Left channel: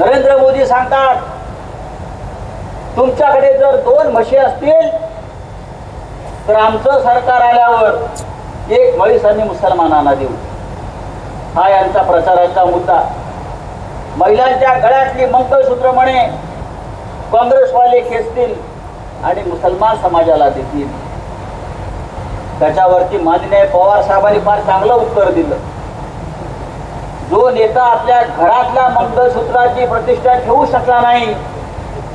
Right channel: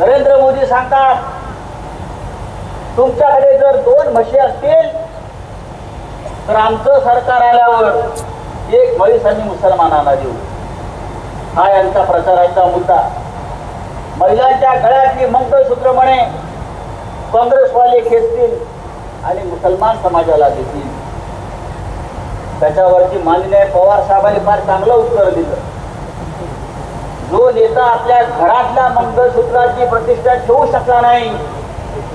नरेंद्र मोदी सांगतात तुमच्याकडे जर दोन म्हशी असतील तर आमचं सरकार आल्यावर एक म्हैस आणि मुसलमानांना देऊ. हा यांचा प्रचाराचा मुद्दा. महिलांच्या गळ्यातली मंगळसूत्र म्हणे काँग्रेसवाले खेचतील आणि मुसलमान समाजाला देतील. त्याच्यावरती माननीय पवार साहेबांनी फार चांगलं उत्तर दिलं. जो नेता आपल्या घरातल्या मंगळसूत्राची प्रतिष्ठा ठेवू शकला नाही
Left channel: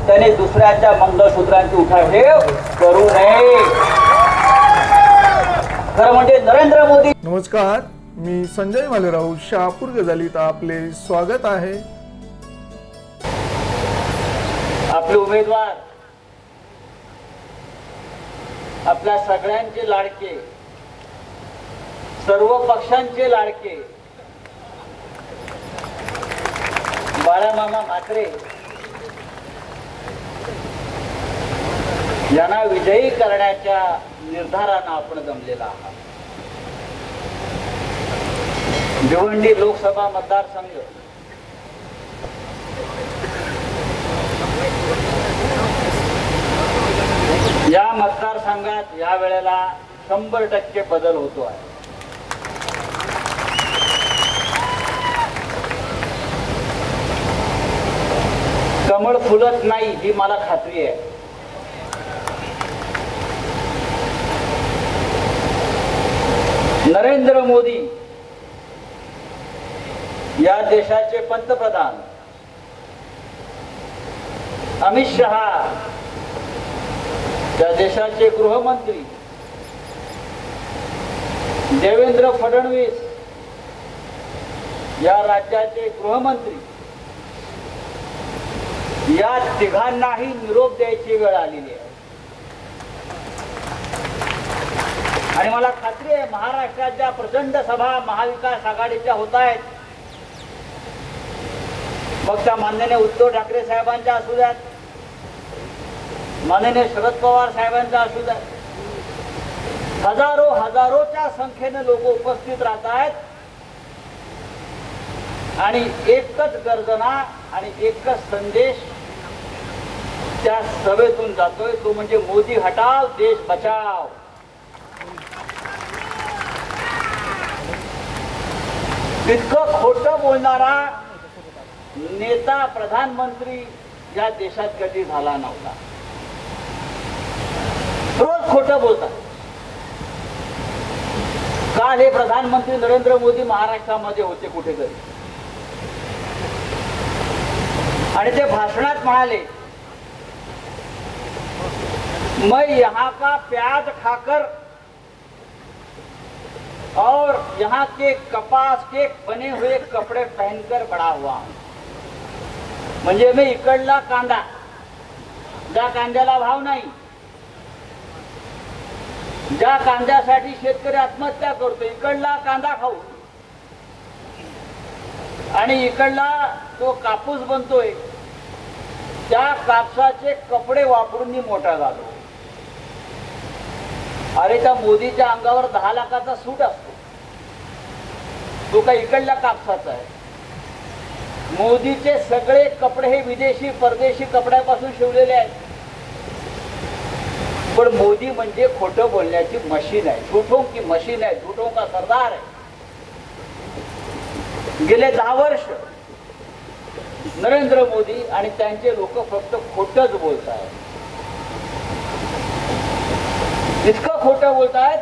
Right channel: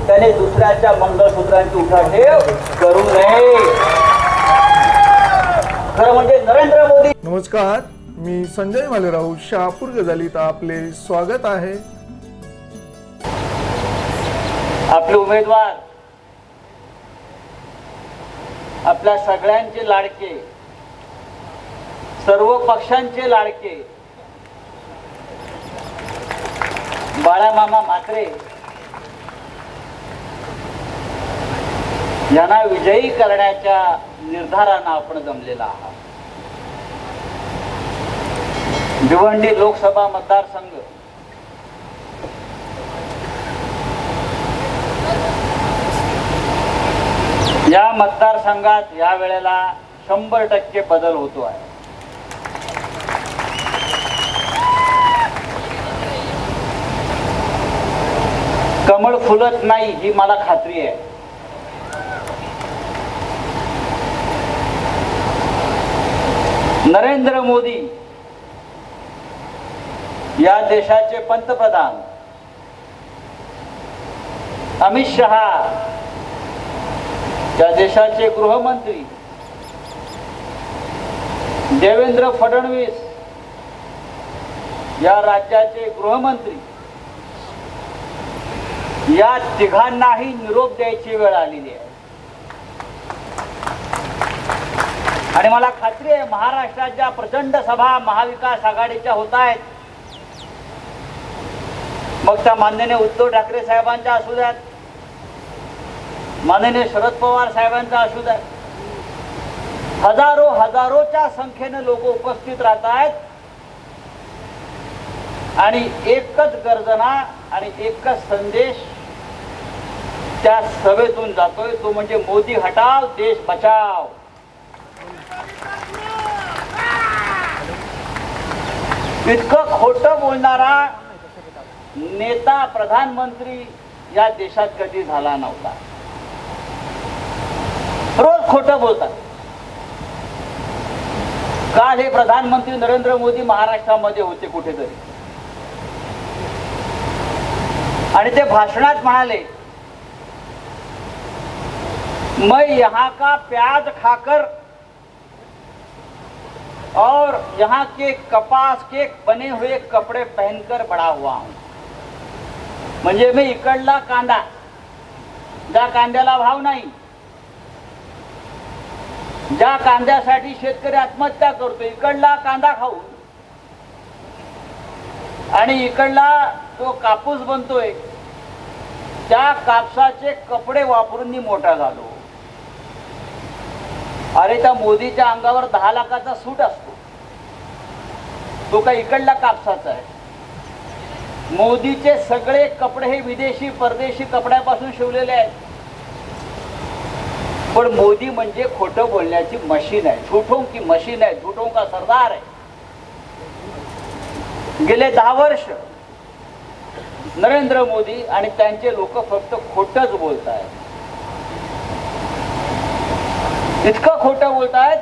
त्याने दुसऱ्याच्या मंगळसूत्रांची उठाठेव करू नये. खरं म्हणजे नरेंद्र मोदी नमस्कार मी संजय मालेराव शहापूर गजालीत आपले स्वागत आहे. आपले उमेदवार आपल्या सगळ्यांचे लाडके सर्व पक्षांचे लाडके बाळामामा म्हात्रे. यांना विजयी करण्याच्या निर्धारानं आपण जमलेला आहात. भिवंडी लोकसभा मतदारसंघ. या मतदारसंघात या वेळेला शंभर टक्के बदल होतो आहे. कमळ फुलत नाही ही मला खात्री आहे. नरेंद्र मोदी या देशाचे पंतप्रधान. अमित शहा या देशाचे गृहमंत्री. देवेंद्र फडणवीस या राज्याचे गृहमंत्री. या तिघांनाही निरोप द्यायची वेळ आलेली आहे. आणि मला खात्री आहे महाराष्ट्रात ज्या प्रचंड सभा महाविकास आघाडीच्या होत आहेत मग त्या माननीय उद्धव ठाकरे साहेबांच्या असू द्यात माननीय शरद पवार साहेबांचा असू द्या हजारो हजारोच्या संख्येने लोक उपस्थित राहत आहेत. आणि एकच गर्जना आणि एकच संदेश त्या सभेतून जातोय तो म्हणजे मोदी हटाव देश बचाव. इतकं खोटं बोलणारा नेता प्रधानमंत्री या देशात कधी झाला नव्हता. रोज खोट बोलतात. काल हे प्रधानमंत्री नरेंद्र मोदी महाराष्ट्रामध्ये होते कुठेतरी. आणि ते भाषणात म्हणाले मैं यहाँ का प्याज खाकर और यहाँ के कपास के बने हुए कपड़े पहनकर बड़ा हुआ हूं। म्हणजे मी इकडला कांदा। ज्या कांद्याला भाव नाही। ज्या कांद्यासाठी शेतकरी आत्महत्या करतो। इकडला कांदा खाऊ। आणि इकडला जो कापूस बनतोय। त्या कापसाचे कपडे वापरून मी मोठा झालो। अरे त्या मोदीच्या अंगावर दहा लाखाचा सूट असतो. तो का इकडला कापसाचा आहे. मोदीचे सगळे कपडे हे विदेशी परदेशी कपड्यापासून शिवलेले आहेत. पण मोदी म्हणजे खोटं बोलण्याची मशीन आहे. झुठों की मशीन आहे. झुठों का सरदार आहे? गेले दहा वर्ष नरेंद्र मोदी आणि त्यांचे लोक फक्त खोटच बोलत आहेत इतकं खोटं बोलत आहेत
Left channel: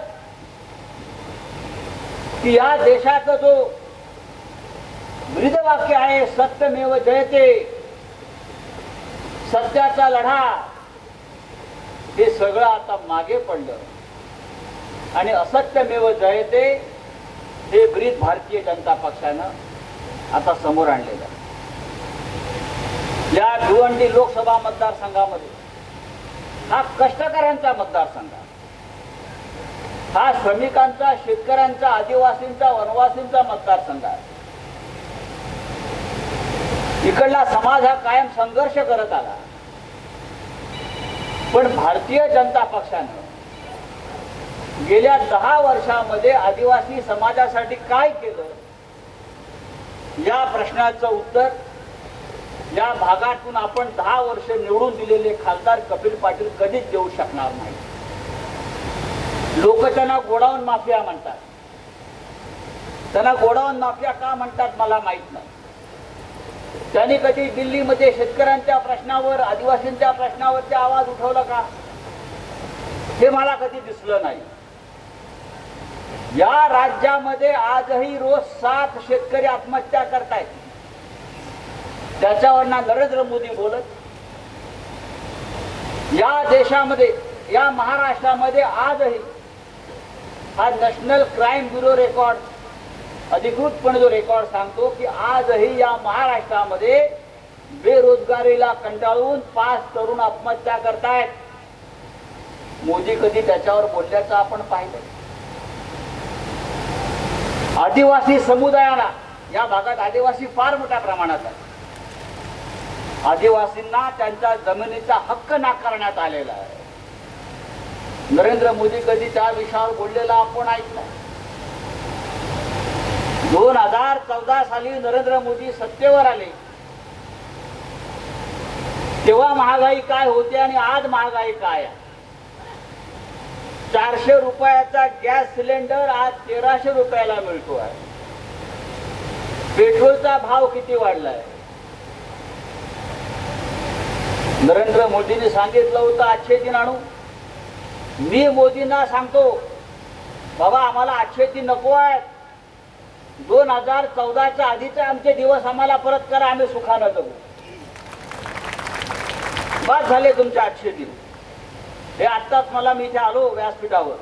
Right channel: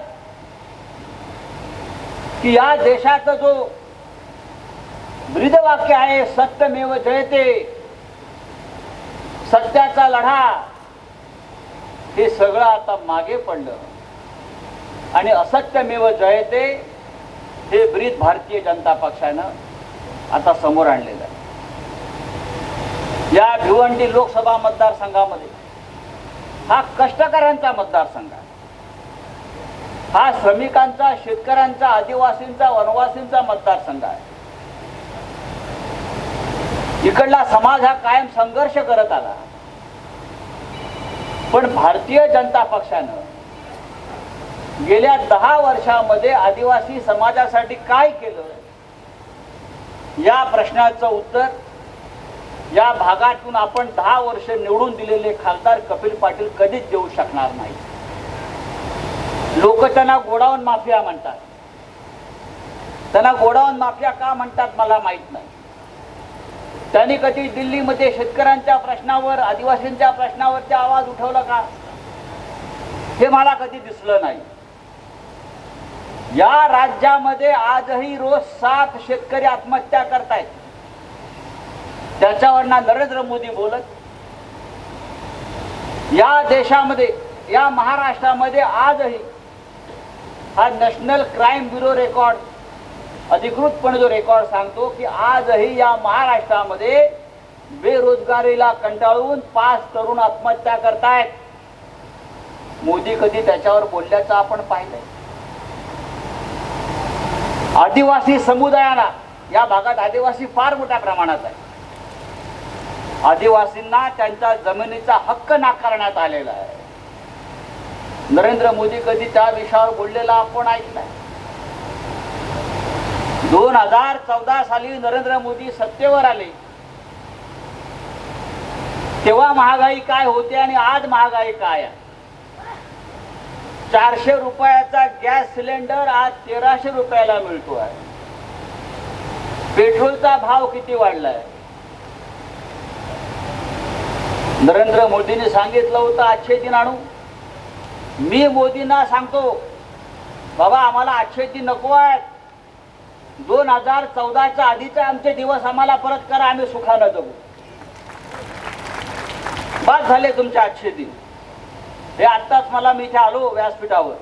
की या देशाचा जो ब्रीदवाक्य आहे सत्यमेव जयते सत्याचा लढा हे सगळं आता मागे पडलं. आणि असत्यमेव जयते हे ब्रीद भारतीय जनता पक्षानं आता समोर आणलेलं आहे. या भिवंडी लोकसभा मतदारसंघामध्ये हा कष्टकऱ्यांचा मतदारसंघ आहे. हा श्रमिकांचा शेतकऱ्यांचा आदिवासींचा वनवासींचा मतदारसंघ आहे. इकडला समाज हा कायम संघर्ष करत आला. पण भारतीय जनता पक्षानं गेल्या दहा वर्षामध्ये आदिवासी समाजासाठी काय केलं? या प्रश्नाचं उत्तर या भागातून आपण दहा वर्ष निवडून दिलेले खासदार कपिल पाटील कधीच देऊ शकणार नाही लोक त्यांना गोडाऊन माफिया म्हणतात. त्यांना गोडाऊन माफिया का म्हणतात मला माहीत नाही. त्यांनी कधी दिल्लीमध्ये शेतकऱ्यांच्या प्रश्नावर आदिवासींच्या प्रश्नावर ते आवाज उठवला का? हे मला कधी दिसलं नाही. या राज्यामध्ये आजही रोज सात शेतकरी आत्महत्या करतायत. त्याच्यावर ना नरेंद्र मोदी बोलत. या देशामध्ये या महाराष्ट्रामध्ये आजही हा नॅशनल क्राईम ब्युरो रेकॉर्ड अधिकृतपणे जो रेकॉर्ड सांगतो की आजही या महाराष्ट्रामध्ये बेरोजगारीला कंटाळून पाच तरुण आत्महत्या करतायत. मोदी कधी त्याच्यावर बोलल्याचं आपण पाहिलं. आदिवासी समुदायाला या भागात आदिवासी फार मोठ्या प्रमाणात आहे. आदिवासींना त्यांच्या जमिनीचा हक्क नाकारण्यात आलेला आहे. नरेंद्र मोदी कधी त्या विषयावर बोललेला आपण ऐकलाय दोन हजार चौदा साली नरेंद्र मोदी सत्तेवर आले. तेव्हा महागाई काय होती आणि आज महागाई काय आहे? चारशे रुपयाचा गॅस सिलेंडर आज तेराशे रुपयाला मिळतो आहे. पेट्रोलचा भाव किती वाढलाय? नरेंद्र मोदींनी सांगितलं होतं आजचे दिन आणू. मी मोदींना सांगतो बाबा आम्हाला आठशे ती नको आहेत दोन हजार चौदाच्या आधीचे आमचे दिवस आम्हाला परत करा आम्ही सुखानं जगू. बाद झाले तुमचे आठशे दिन हे आत्ताच मला मी इथे आलो व्यासपीठावर.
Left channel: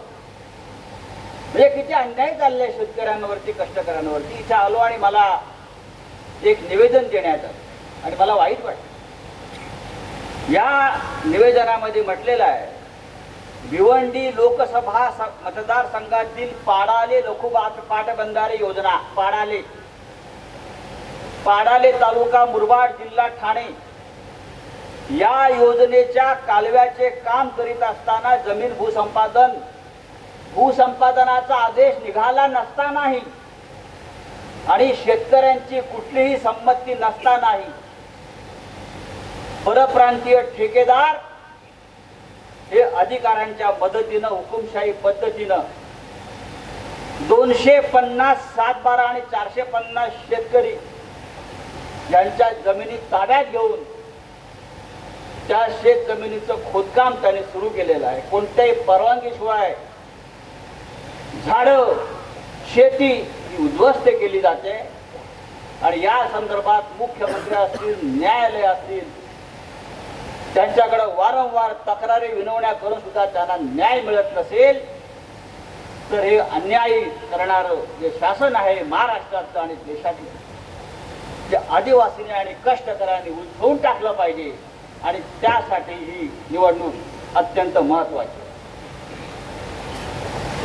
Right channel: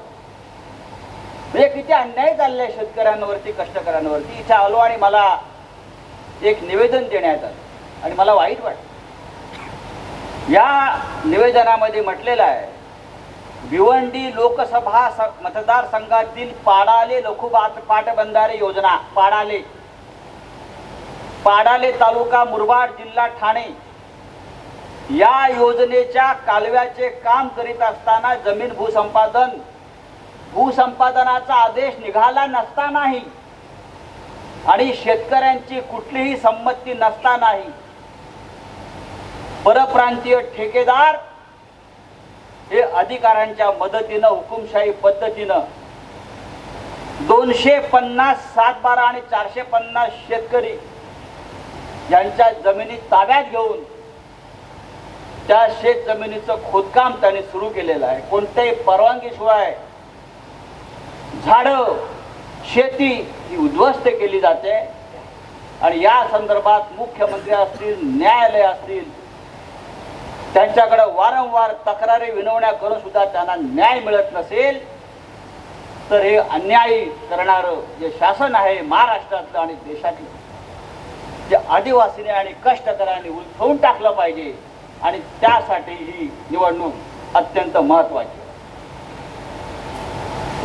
हे किती अन्याय चालले शेतकऱ्यांवरती कष्टकऱ्यांवरती. इथे आलो आणि मला एक निवेदन देण्यात आलं. आणि मला वाईट वाटत या निवेदनामध्ये म्हटलेलं आहे भिवंडी लोकसभा मतदारसंघातील पाडाले लघुबात पाटबंधारे योजना पाडाले. पाडाले तालुका मुरबाड जिल्हा ठाणे. या योजनेच्या कालव्याचे काम करीत असताना जमीन भूसंपादन भूसंपादनाचा आदेश निघाला नसतानाही आणि शेतकऱ्यांची कुठलीही संमती नसतानाही परप्रांतीय ठेकेदार हे अधिकाऱ्यांच्या मदतीनं हुकुमशाही पद्धतीनं दोनशे पन्नास सात बारा आणि चारशे पन्नास शेतकरी यांच्या जमिनी ताब्यात घेऊन त्या शेत जमिनीचं खोदकाम त्याने सुरू केलेलं आहे. कोणत्याही परवानगीशिवाय झाडं शेती उद्ध्वस्त केली जाते. आणि या संदर्भात मुख्यमंत्री असतील न्यायालय असतील त्यांच्याकडे वारंवार तक्रारी विनवण्या करून सुद्धा त्यांना न्याय मिळत नसेल तर हे अन्यायी करणार जे शासन आहे महाराष्ट्राचं आणि देशाचं जे आदिवासीने आणि कष्टकऱ्यांनी उलथवून टाकलं पाहिजे आणि त्यासाठी ही निवडणूक अत्यंत महत्वाची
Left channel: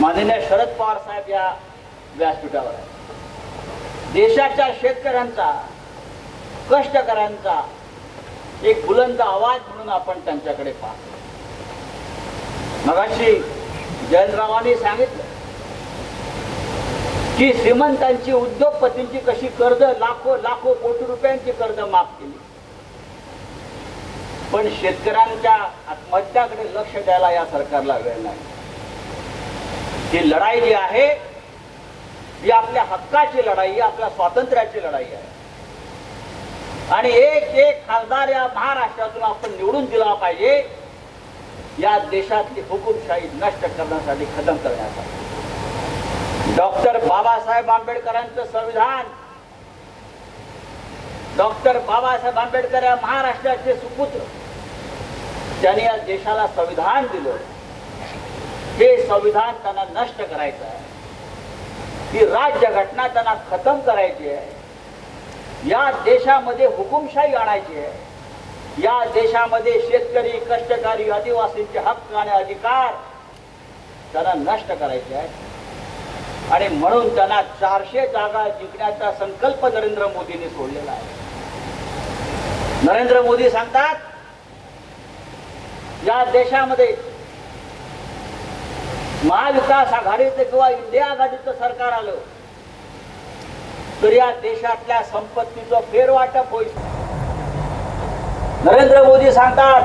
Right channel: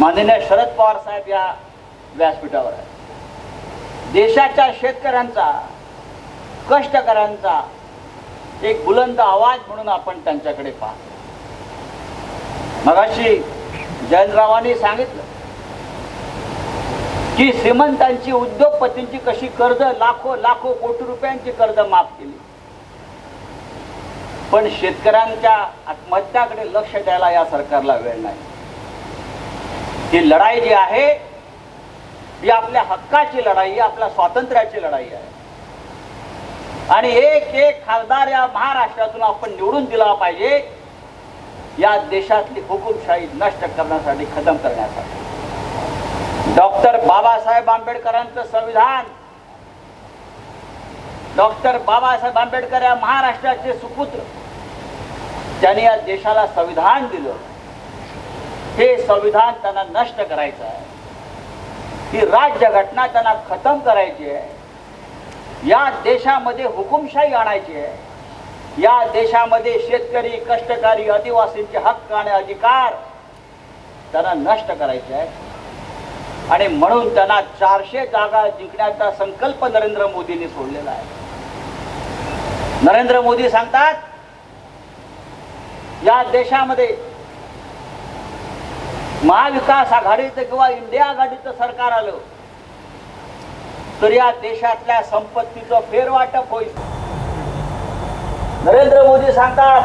माननीय शरद पवार साहेब या व्यासपीठावर देशाच्या शेतकऱ्यांचा कष्टकऱ्यांचा एक बुलंद आवाज म्हणून आपण त्यांच्याकडे पाहतो. मगाशी जयंतरावांनी सांगितलं की श्रीमंतांची उद्योगपतींची कशी कर्ज लाखो लाखो कोटी रुपयांची कर्ज माफ केली. पण शेतकऱ्यांच्या आत्महत्याकडे लक्ष द्यायला या सरकारला वेळ नाही. ही लढाई जी आहे ही आपल्या हक्काची लढाई आपल्या स्वातंत्र्याची लढाई आहे. आणि एक एक खासदार या महाराष्ट्रातून आपण निवडून दिला पाहिजे. या देशातली हुकुमशाही नष्ट करण्यासाठी खतम करण्यासाठी. डॉक्टर बाबासाहेब आंबेडकरांचं संविधान. डॉक्टर बाबासाहेब आंबेडकर या महाराष्ट्राचे सुपुत्र. त्यांनी या देशाला संविधान दिलं. हे संविधान त्यांना नष्ट करायचं आहे. ही राज्य घटना त्यांना खतम करायची आहे. या देशामध्ये हुकुमशाही आणायची आहे. या देशामध्ये शेतकरी कष्टकारी आदिवासींचे हक्क आणि अधिकार त्यांना नष्ट करायचे आहेत. आणि म्हणून त्यांना चारशे जागा जिंकण्याचा संकल्प नरेंद्र मोदींनी सोडलेला आहे. नरेंद्र मोदी सांगतात या देशामध्ये महाविकास आघाडीचं किंवा इंडिया आघाडीचं सरकार आलं तर या देशातल्या संपत्तीचं फेरवाटप होईल. नरेंद्र मोदी सांगतात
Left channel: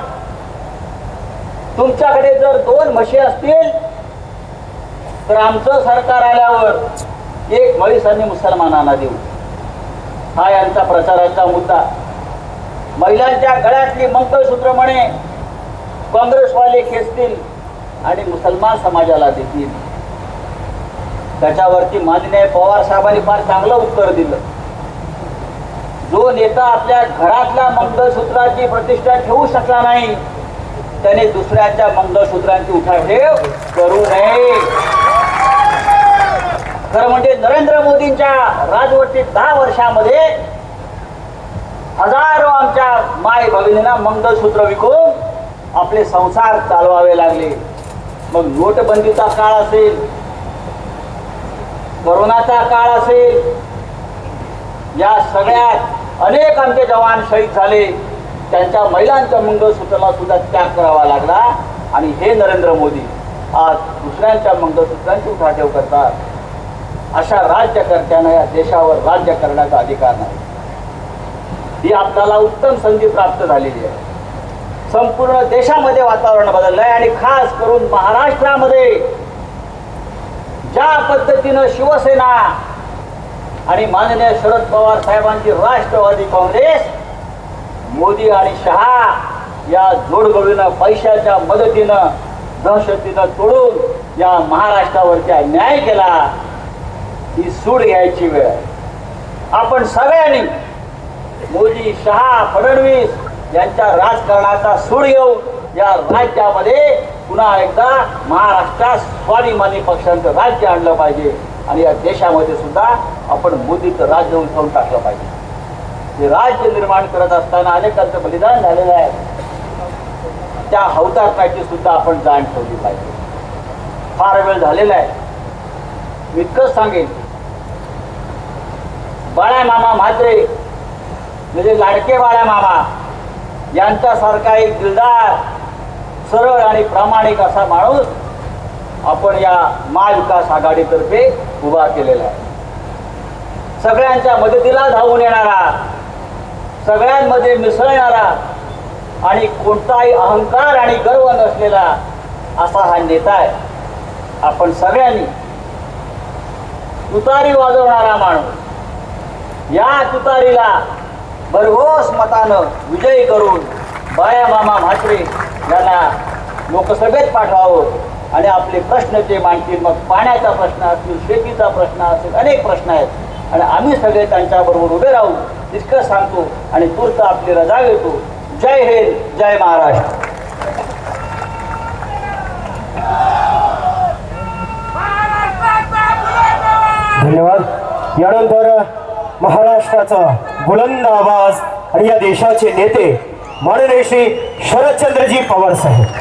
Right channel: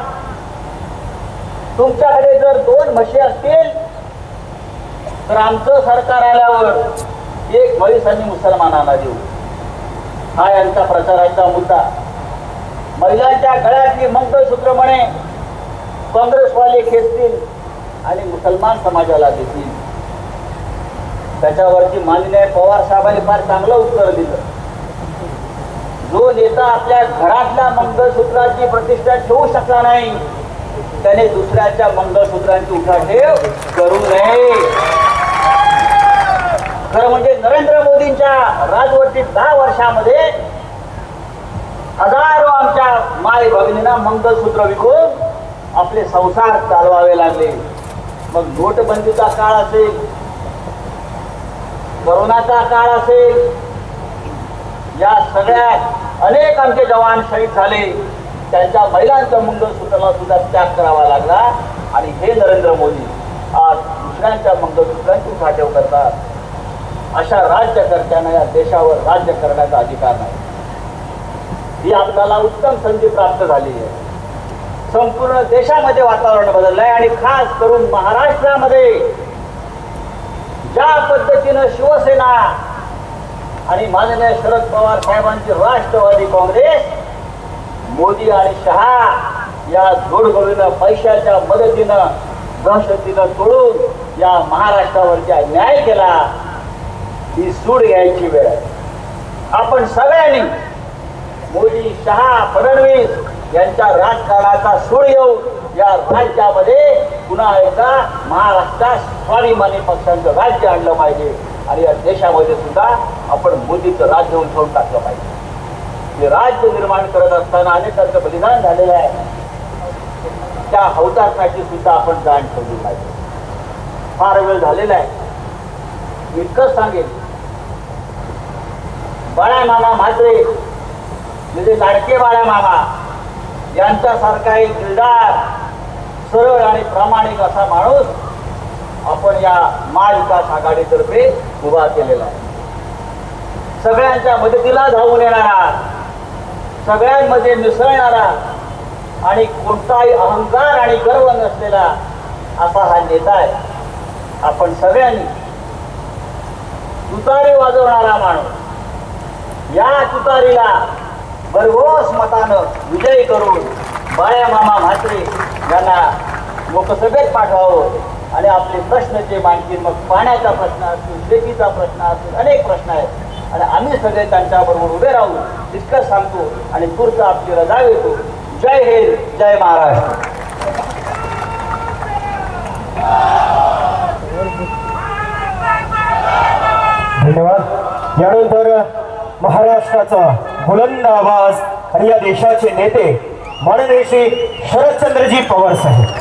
तुमच्याकडे जर दोन म्हशी असतील तर आमचं सरकार आल्यावर एक म्हैस आणि मुसलमानांना देऊ. हा यांचा प्रचाराचा मुद्दा. महिलांच्या गळ्यातली मंगळसूत्र म्हणे काँग्रेसवाले खेचतील आणि मुसलमान समाजाला देतील. त्याच्यावरती माननीय पवार साहेबांनी फार चांगलं उत्तर दिलं. जो नेता आपल्या घरातल्या मंगळसूत्राची प्रतिष्ठा ठेवू शकला नाही त्याने दुसऱ्याच्या मंगळसूत्रांची उठाठेव करू नये. खरं म्हणजे नरेंद्र मोदींच्या राजवटीत दहा वर्षामध्ये हजारो आमच्या माय भगिनींना मंगळसूत्र विकून आपले संसार चालवावे लागले. मग नोटबंदीचा काळ असेल कोरोनाचा काळ असेल या सगळ्यात अनेक आमचे जवान शहीद झाले. त्यांच्या महिलांचा महिलांचं मंगळसूत्राला सुद्धा त्याग करावा लागला. आणि हे नरेंद्र मोदी आज दुसऱ्यांच्या मंगळसूत्रांची उठाठेव करतात. अशा राज्यकर्त्यांना या देशावर राज्य करण्याचा अधिकार नाही. ही आपल्याला उत्तम संधी प्राप्त झालेली आहे. संपूर्ण देशामध्ये वातावरण बदललं आहे आणि खास करून महाराष्ट्रामध्ये ज्या पद्धतीनं शिवसेना आणि माननीय शरद पवार साहेबांची राष्ट्रवादी काँग्रेस मोदी आणि शहा या जोडगोळीनं पैशाच्या मदतीनं दहशतीनं तोडून या महाराष्ट्रावरच्या न्याय केला ही सूड घ्यायची वेळ. आपण सगळ्यांनी मोदी शहा फडणवीस यांच्या राजकारणाचा सूड घेऊ या राज्यामध्ये पुन्हा एकदा महाराष्ट्रात स्वाभिमानी पक्षांचं राज्य आणलं पाहिजे. आणि या देशामध्ये सुद्धा आपण मोदीचं राज्य उठवून टाकलं पाहिजे. ते राज्य निर्माण करत असताना अनेकांचं बलिदान झालेलं आहे. त्या हौतात्म्याची सुद्धा आपण जाण ठेवली पाहिजे. फार वेळ झालेला आहे. मी इतकंच सांगेन. बाळा मामा म्हात्रे म्हणजे लाडके बाळा मामा यांच्यासारखा एक किरदार सरळ आणि प्रामाणिक असा माणूस आपण या महाविकास आघाडीतर्फे उभा केलेला आहे. सगळ्यांच्या मदतीला धावून येणारा सगळ्यांमध्ये मिसळणारा आणि कोणताही अहंकार आणि गर्व नसलेला असा हा नेता आहे. आपण सगळ्यांनी तुतारी वाजवणारा माणूस या तुतारीला भरघोस मतानं विजयी करून बाया मामा म्हात्रे यांना लोकसभेत पाठवावं. आणि आपले प्रश्न जे मांडतील मग पाण्याचा प्रश्न असतील शेतीचा प्रश्न असतील अनेक प्रश्न आहेत. आणि आम्ही सगळे त्यांच्याबरोबर उभे राहू तितकं सांगतो आणि पुढचं आपली रजा घेतो जय हिंद जय महाराष्ट्र. धन्यवाद. यानंतर महाराष्ट्राचा बुलंद आवाज आणि या देशाचे नेते माननीय श्री शरदचंद्रजी पवार साहेब.